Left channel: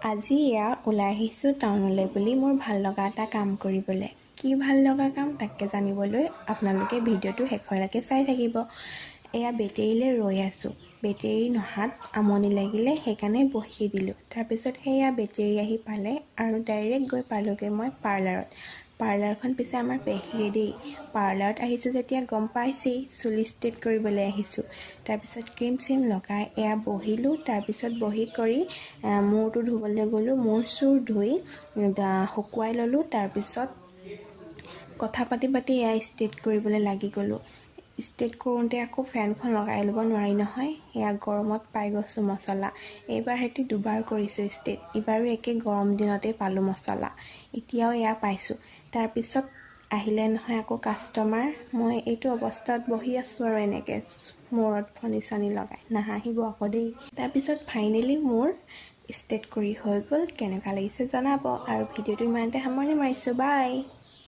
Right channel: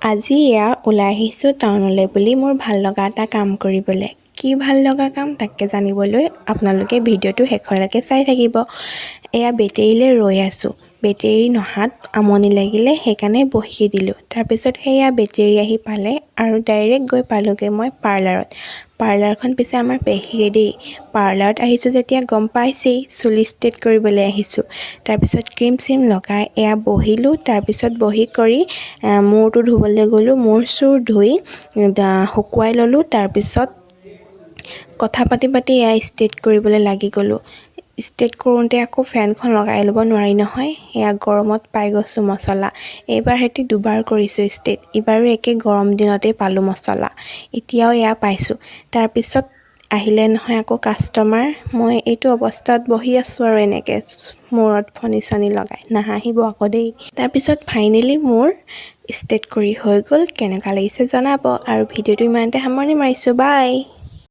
আজি ওলাই আহিছোঁ টাউনলৈ বুলি মোৰ ভাল লগা এটা কাম কৰিবলৈ। কি ভাল লগা কাম তাকে জানিবলৈ আপোনালোকে ভিডিঅ'টো শেষলৈকে চাই থাকিব। বেটেৰীলৈ ৰৈ আছোঁ। বেটেৰী নহাত আমনি লাগিলে সেইকাৰণে বহি দিলোঁ। তাৰপিছত বেটেৰী আহি পালে আৰু ডাইৰেক্ট গৈ পালোঁগৈ মই পাৰ্লাৰত। পাৰ্লাৰখন পিছে আমাৰ পেহীৰে দেই। পাৰ্লাৰত আহিছোঁ যেতিয়া গম পাইছেই, চুলি ষ্ট্ৰেট কৰিবলৈ আহিছোঁ। তাৰপিছত ক্ৰীম চিম লগাই বহিলোঁ। তাৰপিছত বহি কৰি মূৰটো ধুবলৈ গ'লোঁ। মূৰ চুৰ ধুই শুকুৱাই ল'লোঁ। তাৰপিছত কথা পাতি ষ্ট্ৰেট কৰিবলৈ লাগি গ'লোঁ। ষ্ট্ৰেট কৰোঁতে আকৌ ফেনখন লগাই ল'ব নোৱাৰি নহয়। গৰমত পাই গৈছোঁ মছলা। এইবাৰ সৈতে দুবাৰ কৰিছোঁ ষ্ট্ৰেট। এইবাৰো একে গৰম দিনতেই পালোঁ মছলা। এতিয়াও পাইছোঁ। তাৰপিছত আহিলে নহয় আকৌ কাষ্টমাৰ। মই এইটো অৱস্থাত বহি আছোঁ আৰু এনেকৈ মূৰত ফণি চনি লগাই। নাহাঁহিব আকৌ দেই। তাৰপিছত ফাইনেলি মোৰ ষ্ট্ৰেট কৰি হৈ গ'ল। কেনেকুৱা লাগিছে জনাব আৰু ভিডিঅ'টো ইমানতে সামৰণি মাৰিছোঁ। বাই।